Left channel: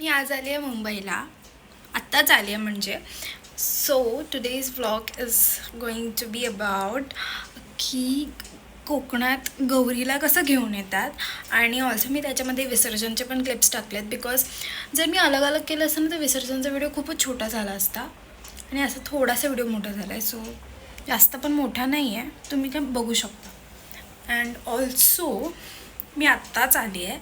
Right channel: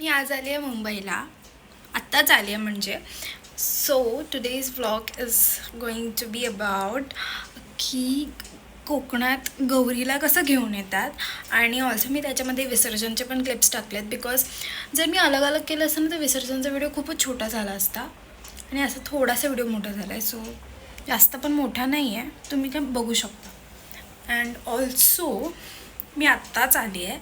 मी आज आली आहे मुंबईला, आत्ताच आली आहे म्हणजे. So today's vlog is going to be about की कोकणात गौरीला कसं घेऊन येतात. आणि ऑल्सो मी त्याच्यामध्ये विसर्जनचे पण क्लिप्स टाकलेत, बिकॉज जर मी अलग अलग केलं असतं ना तर विसर्जनचा व्हिडिओ खूपच छोटा झाला असता आणि असं थोडासा व्हिडिओ मोठा झाला आहे. सो जास्त पण मोठा नाही आहे, तुम्ही काय बघू शकता. अँड ऑल्सो मी आत्ताच आली आहे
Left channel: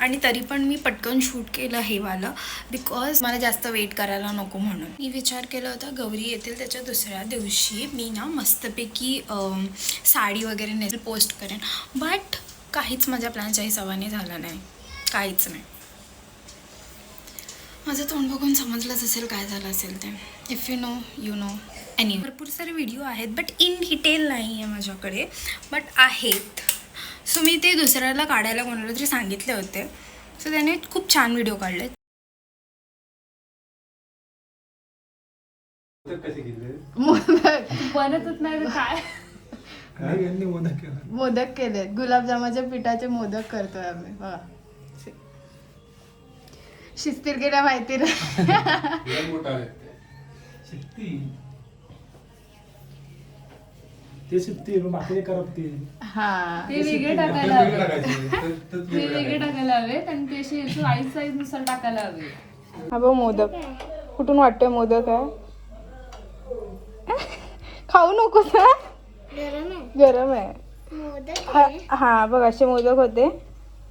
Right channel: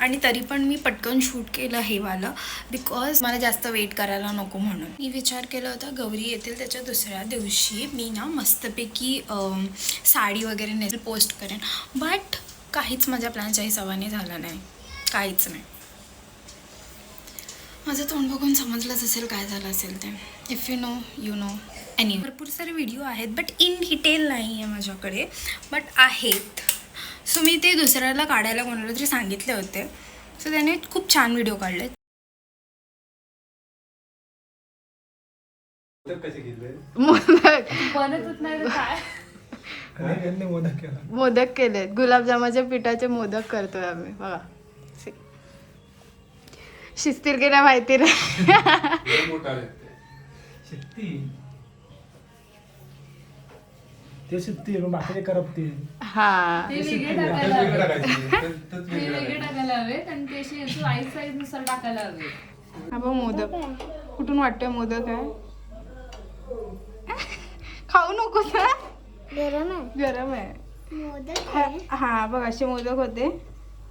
आणि तरी पण मी पटकन शूट केलं हे वालं, बिकॉज मला जास्त वेट करायला नको म्हणून. मी विचार केला होता गौरी येतील त्याच्या दुसऱ्या दिवशी मी ना मस्तपैकी साडी वगैरे नेसेल, पोस्ट करेन. बट काहीच माझ्या प्लॅनच्याही सवानी झालं नाही, काहीच नाही. माझं तोंड बघून समजलंच असेल काय झालं असेल ते. If you know you know. Any भरपूर सारे व्हिडिओ आहेत बट इन डिटेल नाही आहे माझ्याकडे, बट आहेत. सो मी ते दुसऱ्याला काढायला कोणाला तरी सांगितले होते, सो त्याने खूप छान व्हिडिओ काढले. बनतच नाही काय. मोदक केले, गुलाबजामाच्या पिठाचे मोदक करतोय आम्ही. बघा शिस्तीर केल्या माहिती नाही. हा ते वेगळे टाकायला हवे, ते वेगळे टाकायला हवेत आणि ते असे साईज नुसार टाकायला हवे. हा बघ मोदक, कुठून वाटतोय मोदक आहे. खाऊ नको ना, गरम आहे. हा बघ असे मोदक होते,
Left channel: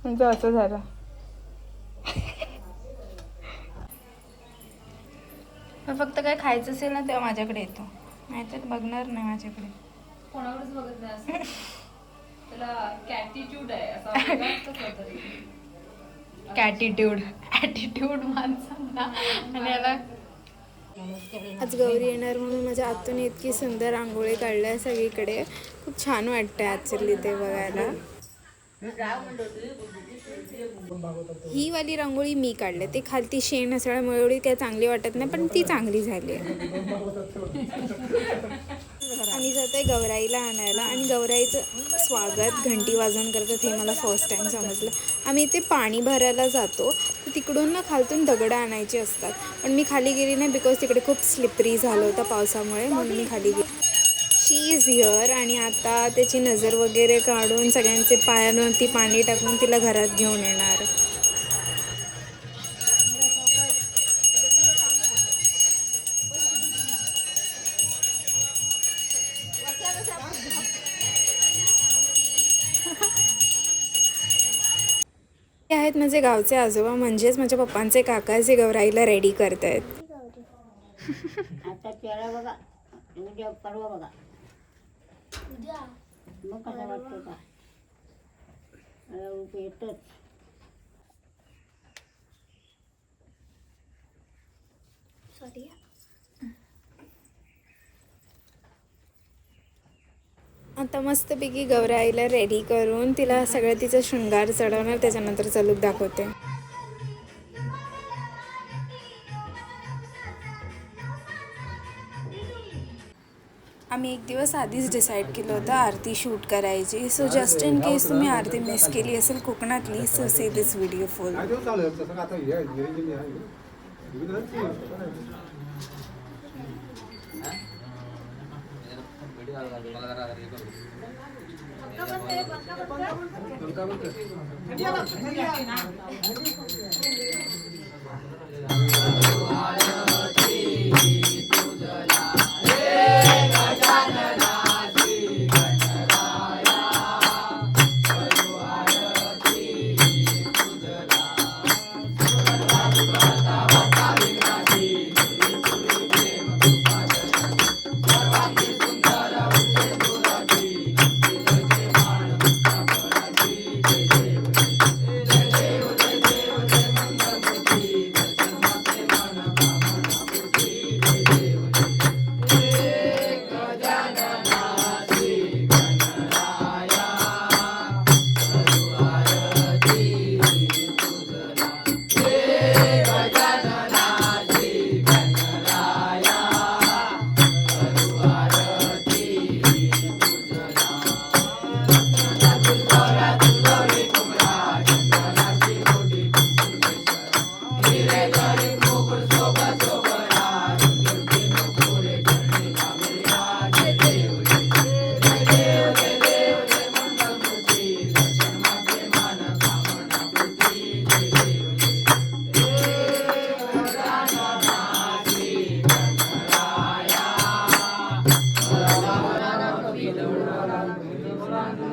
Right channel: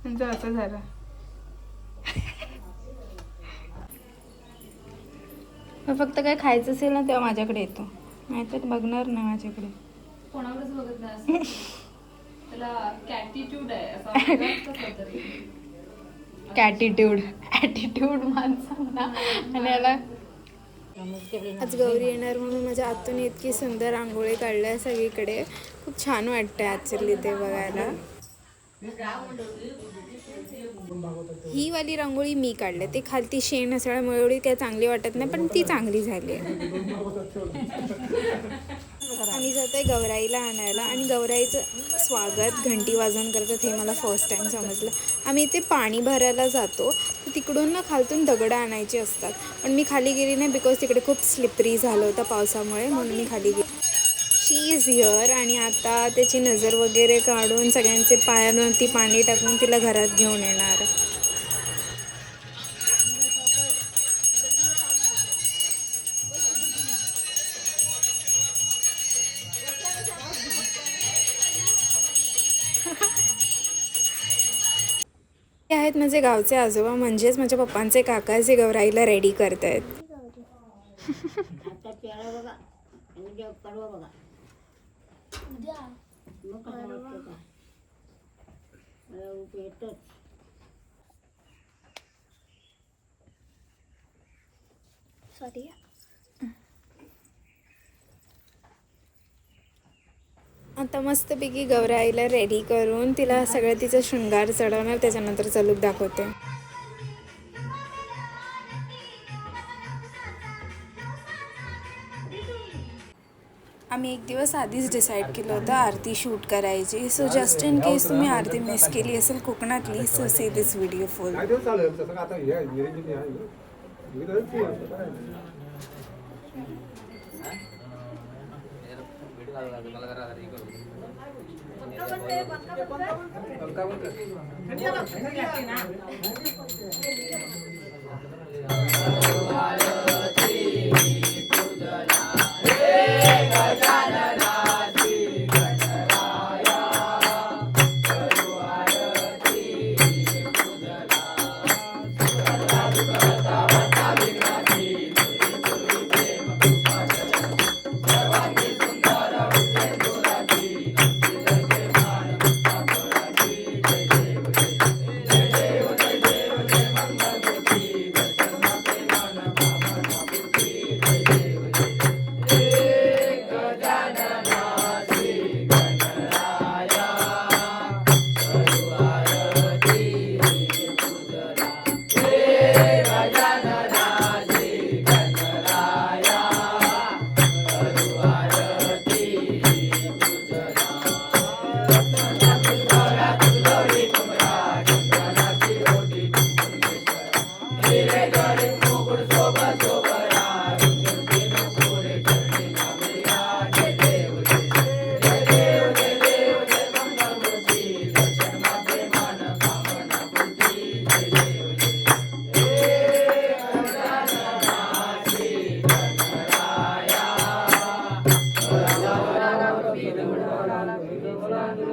म्हणजे असं झालं. फक्त काय खायचं असेल ना तेव्हा माझ्याकडे येतो, नाहीतर बघणार नाही माझ्याकडे. कोणावरच बघत नाही असं. त्याला कॅटिट्यूड आहे असं वाटतं काहीतरी. ॲटिट्यूड माणसांना. आणि याला आज गौरी येणार म्हणून माझ्या आतून इतकी सुंदर रांगोळी काढल्या सगळीकडे. खूप छान वाटतंय ॲक्च्युली ते बघायला. ही वाली रांगोळी मी काढले, ती खालती शेण असल्यामुळे एवढी काही चांगली वाटत नाही, पण ती चांगली झाली आहे. आम्ही जातोय गौराईला आणायला आणि गौराईचं स्वागत घंटी वाजवून करतात हे मला फर्स्ट टाइम समजलं. आम्ही इथे पाणी भरायला जातो तर तिकडून ना खालतून दगडं आणायची असतात, पण मी खाली गेली नाही बिकॉज तिकडे खूप स्लिपरी झालं होतं पावसामुळे, म्हणून मी खाली गेली. शी इज हिअर आणि आता त्याची नजर वगैरे काढून सगळ्यांचे पायांवरती पाणी टाकून तिला घरात घेऊन येणार. हे आहेत माझे गावचे आजोबा, म्हणजेच माझ्या पप्पांचे काका, जे गौराईला रेडी करत आहेत. आता चेहरा बघा, उद्या परवा बघा, मग कसं वाटतं का रूप येतच. आता मस्तपैकी गौराईला रेडी करून तिला सगळं तिचं शृंगार चढवणार, त्याच्यानंतरचा लूक दाखवते. आम्ही एक दिवस आधीच डिसाईड केलं होतं आरती शूट करायची. सो जस्ट इन केस तुम्ही आरती मिस केली असेल कोकणातली, so see this video full.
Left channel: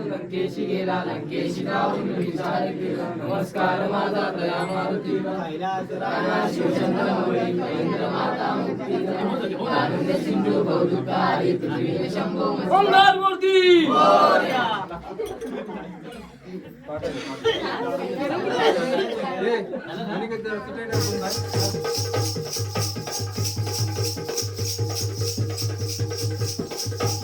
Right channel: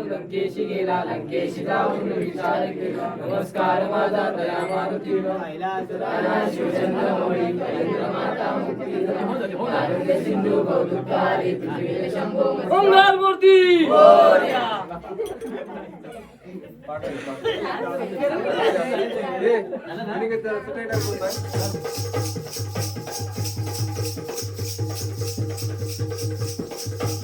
लंकेशी गेला लंकेशी जाऊन विचार केला नमस्कार माझा दया मारुती राजा शिवचंद्र मोळी महेंद्र माता मुक्ती सिंधू गौदुकारी पृथ्वी शंभो मंगल मूर्ती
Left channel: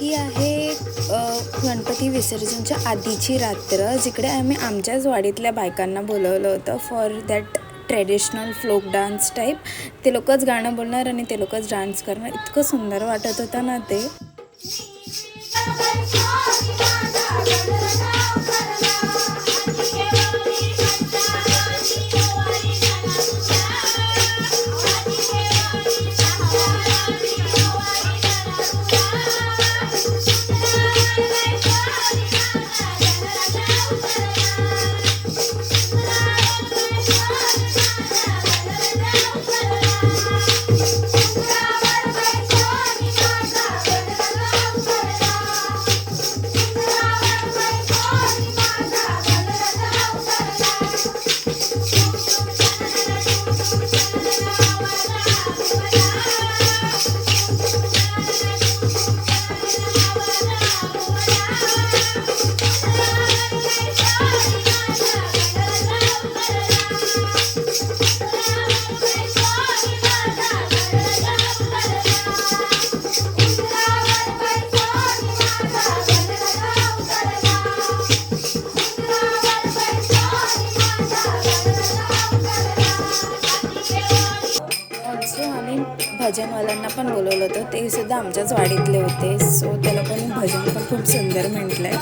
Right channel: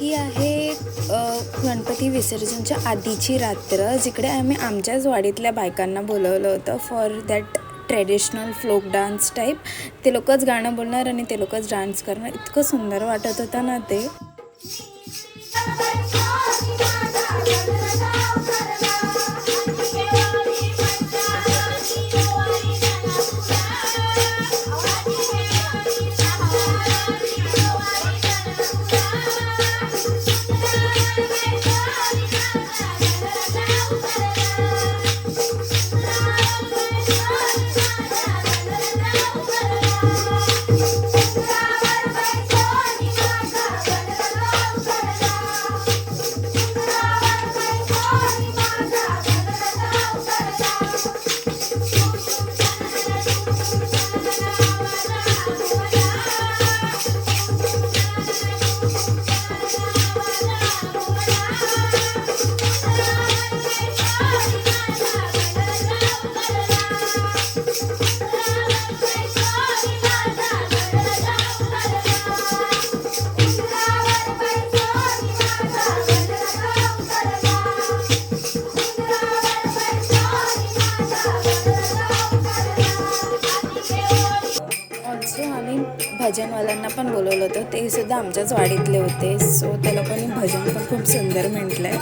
ही आहे गणपती विसर्जनच्या आधीची रात्र, जिकडे आम्ही आमच्याच वाडीतल्या बायकांना बोलवलं होतं for that traditional folk dance type. ते लोकच गाणं बोलणार आणि ते लोकच डान्स करणार. इतकं सुंदर वाटत होतं ना ते. भजनवाल्यांना पण बोलवलं होतं, ते सुद्धा आमच्याच वाडीतले होते. सो त्या लोकांनी भजन पण खूप सुंदर म्हटलंय.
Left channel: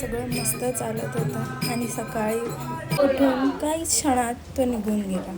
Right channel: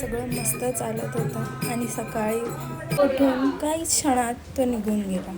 सगळं मस्त चालत होतं आणि सकाळी उठून काही क्षणात तो निघून गेला.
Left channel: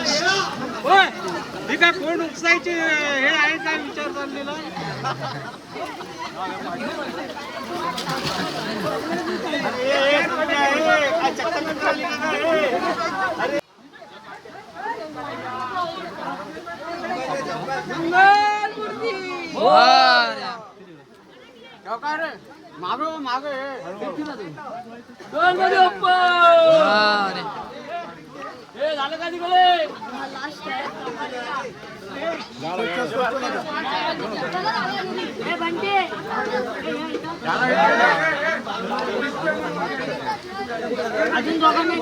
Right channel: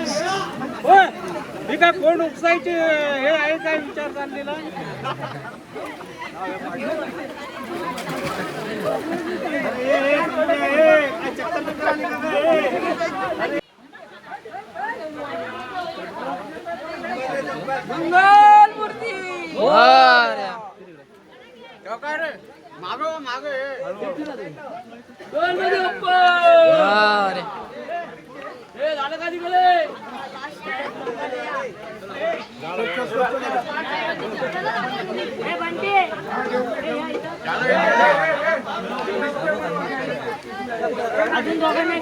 हे काय कोण उपसायचे हे आहे काय विचार चाललेला मागो मागो झालं का तिकडे अजून दोघांना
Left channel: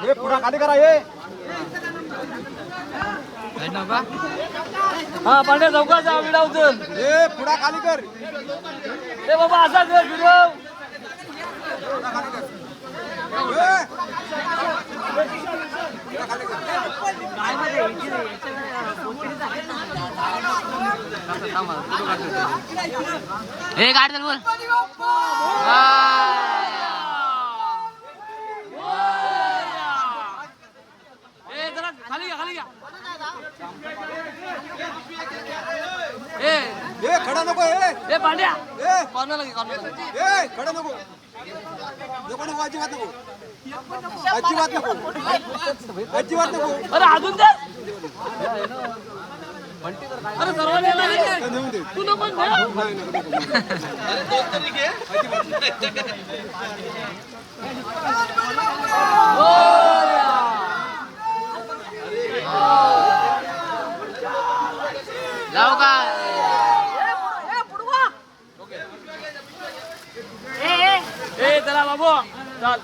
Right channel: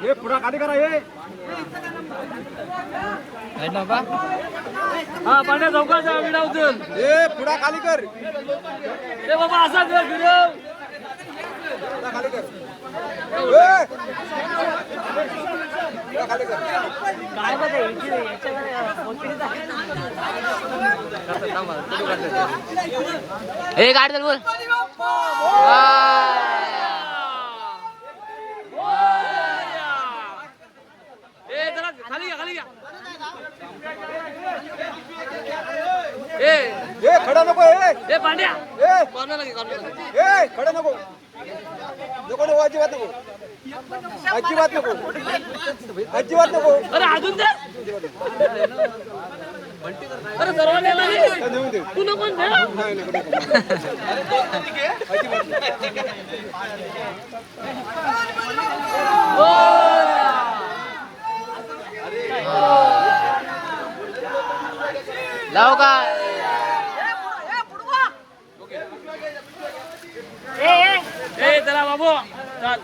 घे पुढा खाली करा हे पांढऱ्या चौकाचा आम्ही लावतो हे पुढा खाली कर हे बाबा असा कर फिरव खाली कर खाली कर काय बघा हे गाडी बोल खाली घ्या खाली घ्या ए खडा नको ए पांड्या ए खडा नको नको नको अजिबात नको अजिबात नको अजिबात नको अरे अजून अरे सर्वांना तू नको नाही नको लाव का ए चला बाबू चल